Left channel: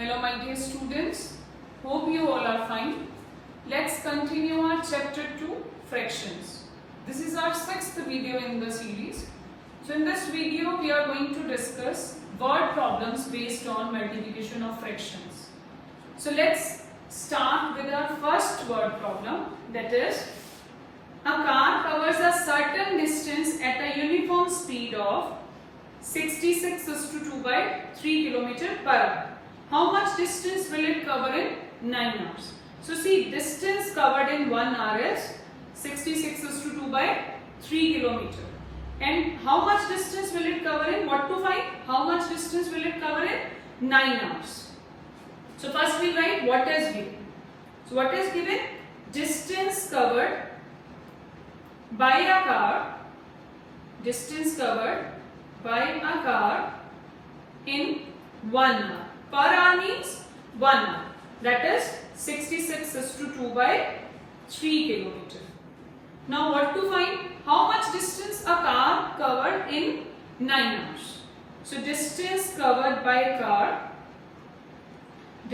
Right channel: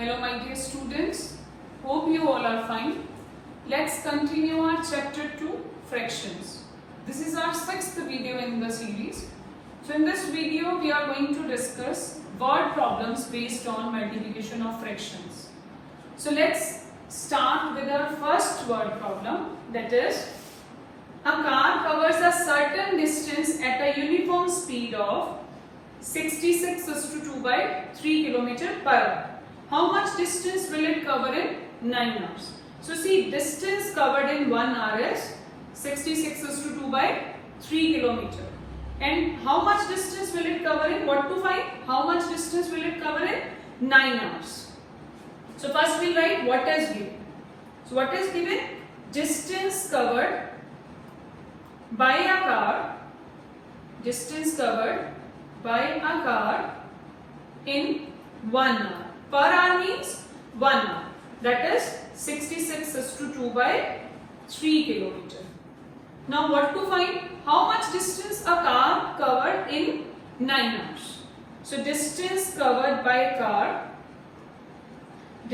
Hello my dear students, hope you all are fine. Let's continue our chapter 2, fractions. This is our 6th video in the series. So in this video we are going to discuss word problems based on multiplication of fractions. So let's start with our first word problem, that is, a car covers a certain distance at a uniform speed of 66/2/3 km per hour. How much distance will it cover in 9 hours? So see, distance covered in 1 hour is 66/2/3 km. And how much distance will it cover in? What to find? How much distance will it cover in 9 hours? So first we write what is given. So what is given? Distance covered by a car. Distance covered by a car in 1 hour. Per hour means 1 hour. That is 66/2/3 km. Now what to find? How much distance a car covered in 9 hours? So distance covered by a car.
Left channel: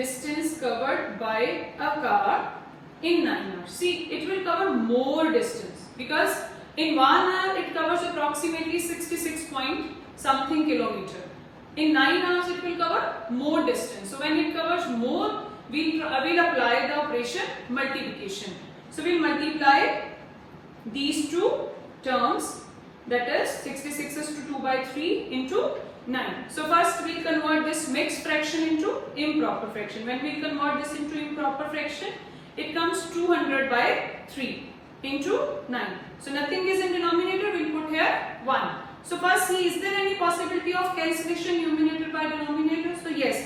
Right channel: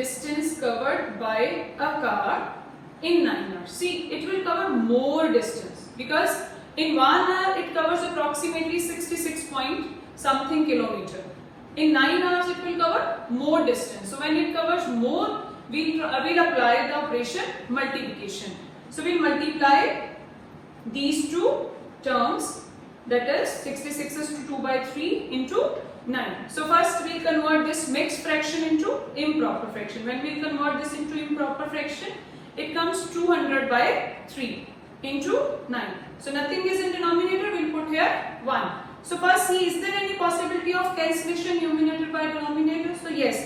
Distance covered by a car in 9 hours. See, it will cover more distance because in 1 hour it covers approximately 66 point something kilometer. In 9 hours it will cover more distance. So when it covers more, we'll apply the operation multiplication. So we'll multiply these two terms, that is 66/2/3 into 9. So first we'll convert this mixed fraction into improper fraction. When we convert this into improper fraction, it comes 200/3 into 9. So nothing is in denominator, we'll put here 1. So first see, is there any possibility of cancellation numerator by denominator? So yes,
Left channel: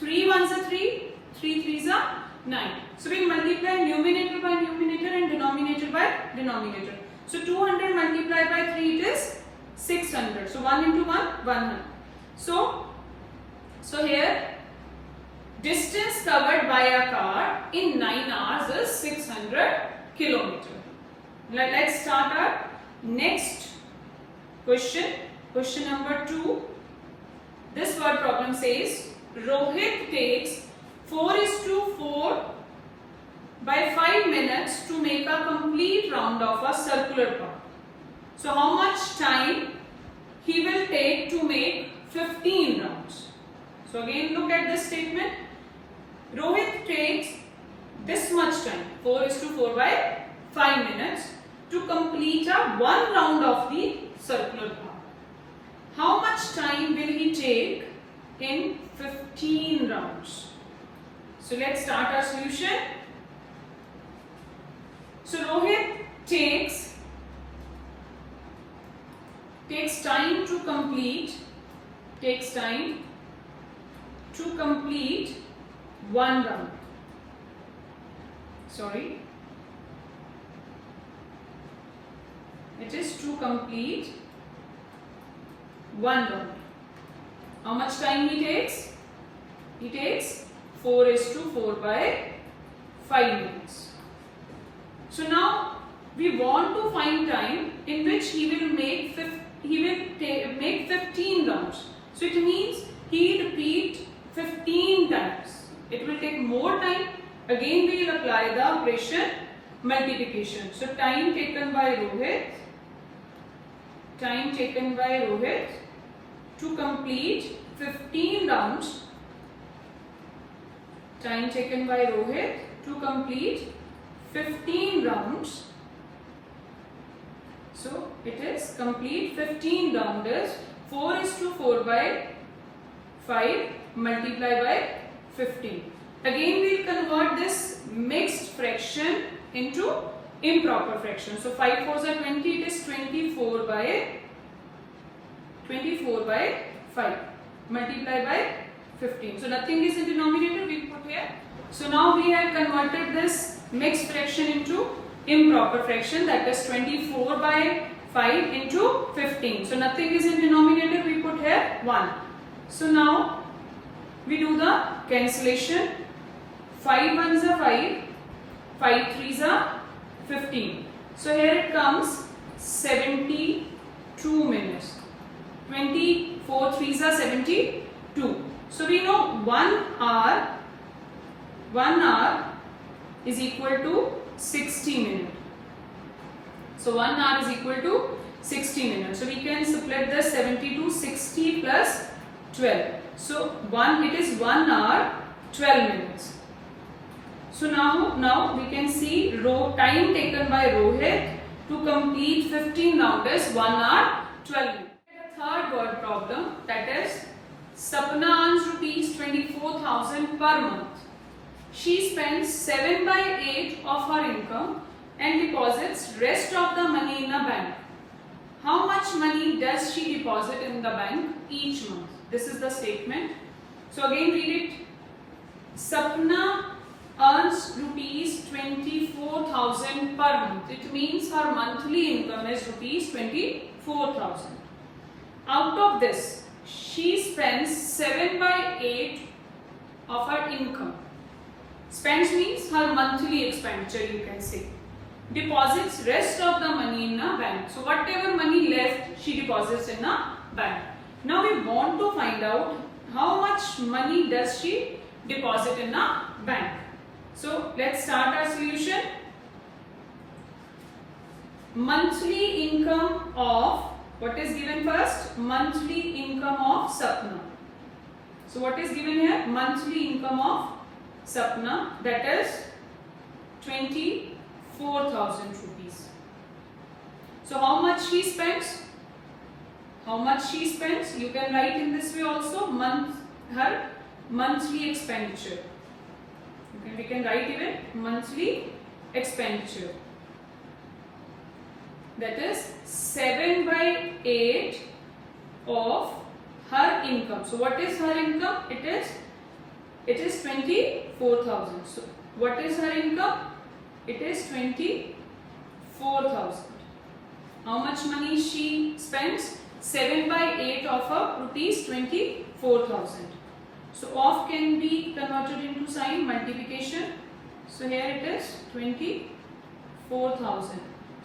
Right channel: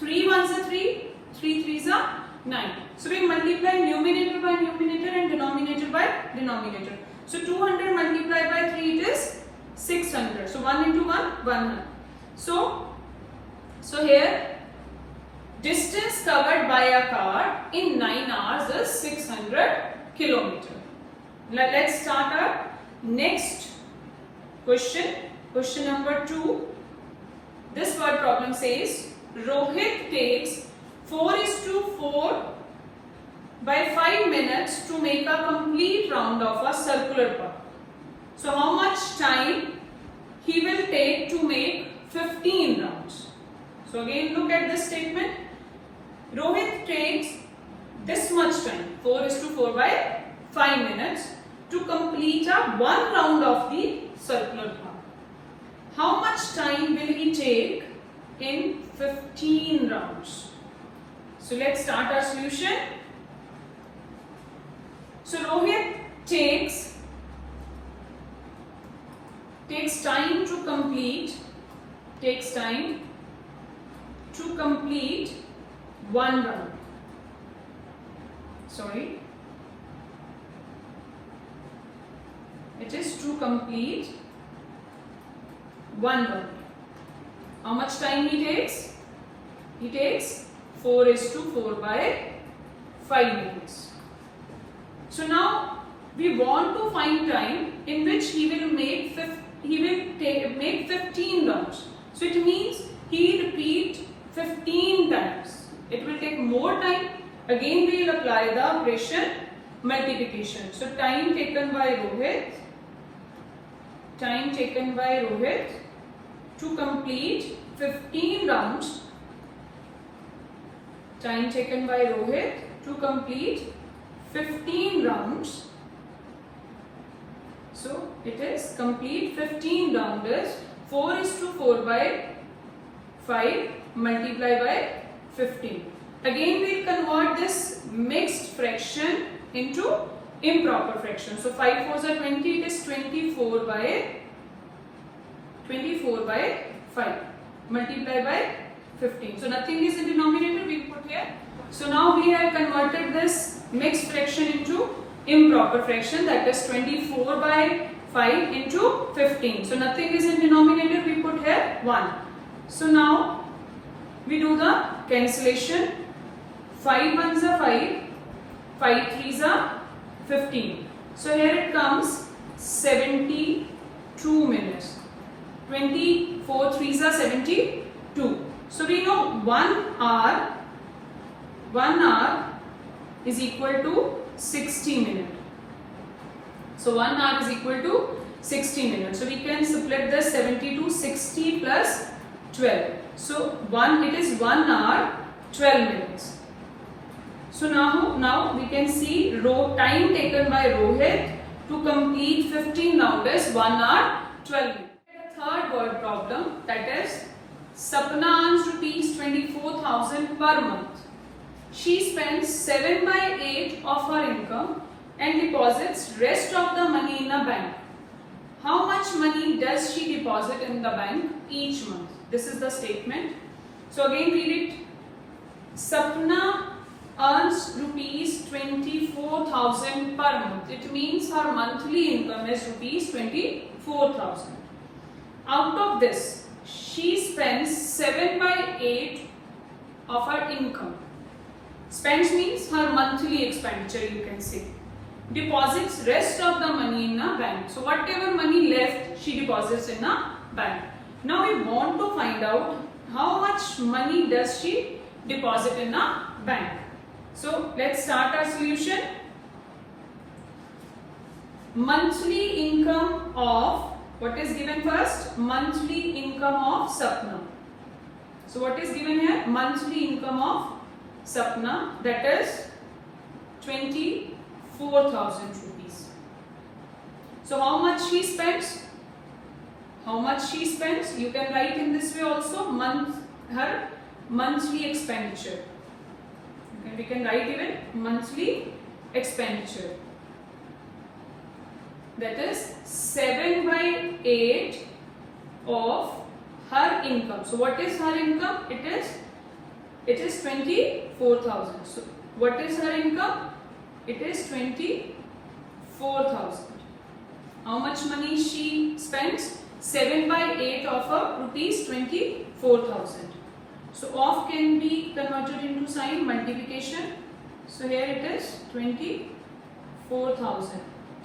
3 1s are 3, 3 3s are 9. So we multiply numerator by numerator and denominator by denominator. So 200 multiplied by 3 it is 600. So 1 into 1, 100. So here distance covered by a car in 9 hours is 600 km. Let's start our next question. Question number 2. This word problem says Rohit takes 4:4 by 5 minutes to make a complete round of a circular path. So how much time he will take to make 15 rounds? So again look at this statement. Rohit takes this much time, 4:4 by 5 minutes, to complete a 1 round of the circular path. How much time will he take in 15 rounds? So let's start our solution. So Rohit takes time to complete 1 round. Sorry. It is to complete 1 round. How much time he takes? He takes 4:4 by 5 minutes. So now we want to find time in which he will make 15 rounds. So it means he repeat 15 times. It will take more time. Again we will apply the operation multiplication. So time taken by Rohit to complete 15 rounds. Time taken by Rohit to complete 15 rounds. So it is complete 15 round is 4:4 by 5 multiplied by 15. Again we will convert this mixed fraction into improper fraction. So 5 4s are 20, it is 24 by 5 multiplied by 15. So nothing is in denominator, we put here. So now we have converted this mixed fraction into improper fraction, that is 24 by 5 into 15. So nothing is in denominator, we put here 1. So now we do the cancellation. 5 1s are 5, 5 3s are 15. So here it comes 72 minutes. 24 3s are 72. So we know 1 hour is equal to 60 minutes. So 1 hour is equal to 60 minutes. So we can split the 70 to 60 plus 12. So it is 1 hour 12 minutes. So now we can see time taken by Rohit to complete 15 rounds is 1 hour 12 minutes. The third word problem, that is Sapna earns rupees 24,000 per month. She spends 7/8 of her income and deposits rest of the money in a bank. How much money does she deposit in the bank each month? This is the statement. So again read it. Sapna earns rupees 24,000 per month. It means her monthly income is rupees 24,000. Out of this, she spends 7/8 of her income. Spends means her monthly expenditure, you can say. Deposits rest of the money in a bank. So whatever money left, she deposits in a bank. Now we want to find out how much money does she deposit in a bank. So let's start our solution. Monthly income of, what is given first? Monthly income of Sapna. So what is given here? Monthly income of Sapna, that is 24,000 rupees. So how much she spends? How much she spends? You can write in this way also, her monthly expenditure. Okay, we can write even monthly expenditure. That is 7/8 of her income. So what is her income? It is 24,000. So what is her income? It is 24,000. How much money she spends? 7/8 of her rupees 24,000. So of can be converted into sign multiplication. So here it is 24,000.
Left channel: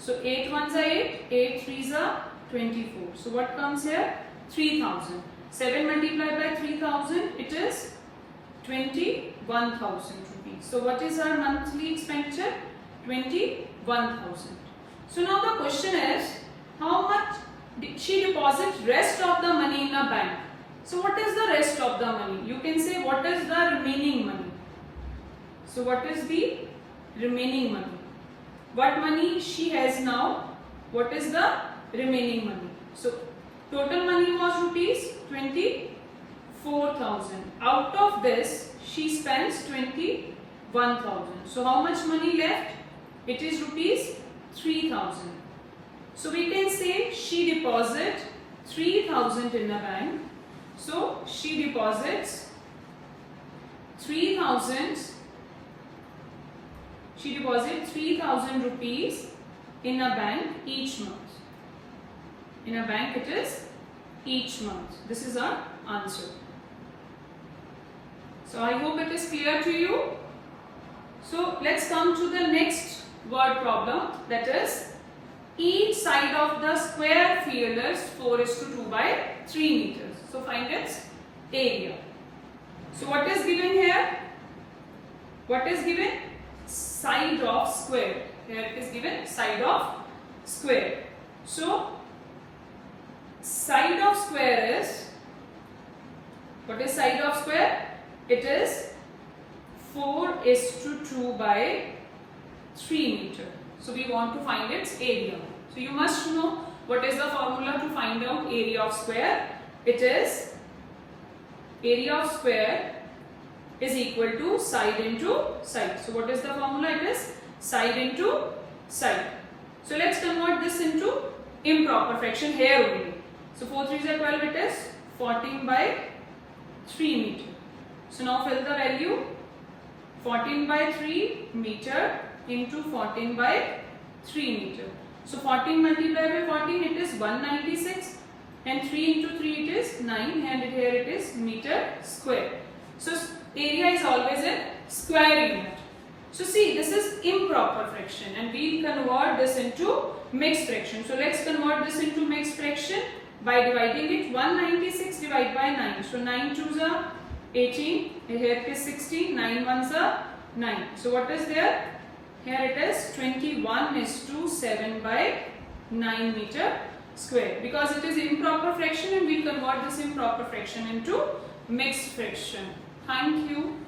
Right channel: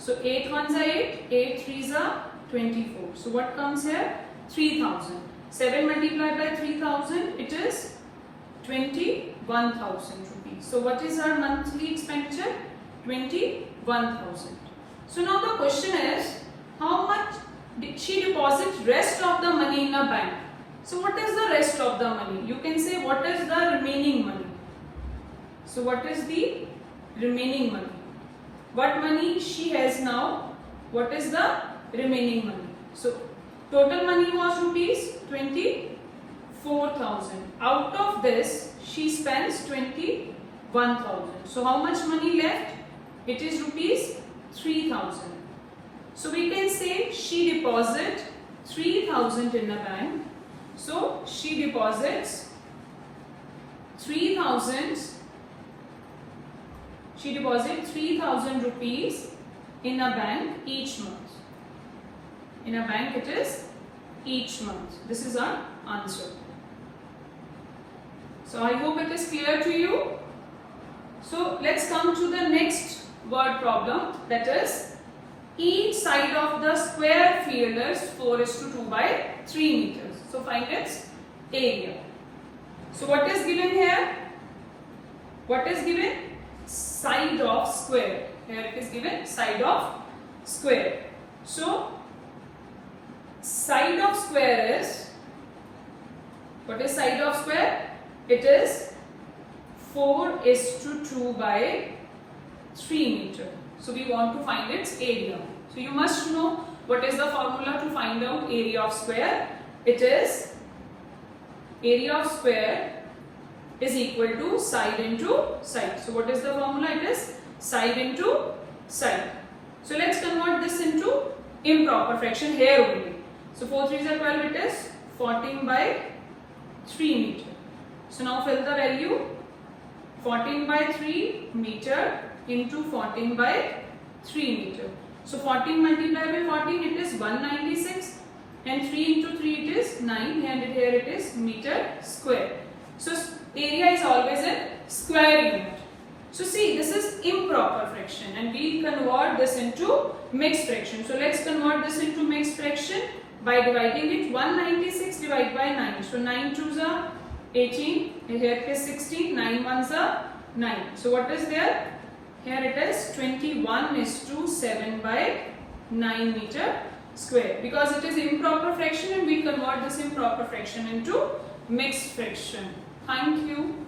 So 8 ones are 8, 8 threes are 24. So what comes here? 3,000. 7 multiplied by 3,000, it is 21,000 rupees. So what is our monthly expenditure? 21,000. So now the question is, how much did she deposit rest of the money in a bank? So what is the rest of the money? You can say what is the remaining money? So what is the remaining money? What money she has now? What is the remaining money? So total money was rupees 24,000. Out of this, she spends 21,000. So how much money left? It is rupees 3,000. So we can say she deposits 3,000 in a bank. So she deposits 3,000. She deposits 3,000 rupees in a bank each month. In a bank it is each month. This is our answer. So I hope it is clear to you. So let's come to the next word problem, that is each side of the square field is 4:2/3 meters. So find its area. So what is given here? What is given? Side of square. Here it is given side of square. So side of square is, what is side of square? It is 4:2/3 meter. So we want to find its area. So you must know what is the formula to find out area of square. It is area of square is equal to side into side. So what is the formula? It is side into side. So let's convert this into improper fraction here only. So 4 3s are 12, it is 14/3 meter. So now fill the value. 14/3 meter into 14/3 meter. So 14 multiplied by 14, it is 196, and 3 into 3 it is 9, and here it is meter square. So area is always in square unit. So see, this is improper fraction, and we'll convert this into mixed fraction. So let's convert this into mixed fraction by dividing it. 196 divided by 9. So 9 2s are 18, here it is 60, 9 ones are 9. So what is there? Here it is 21:7 by 9 meter square. Because it is improper fraction and we convert this improper fraction into mixed fraction. Thank you.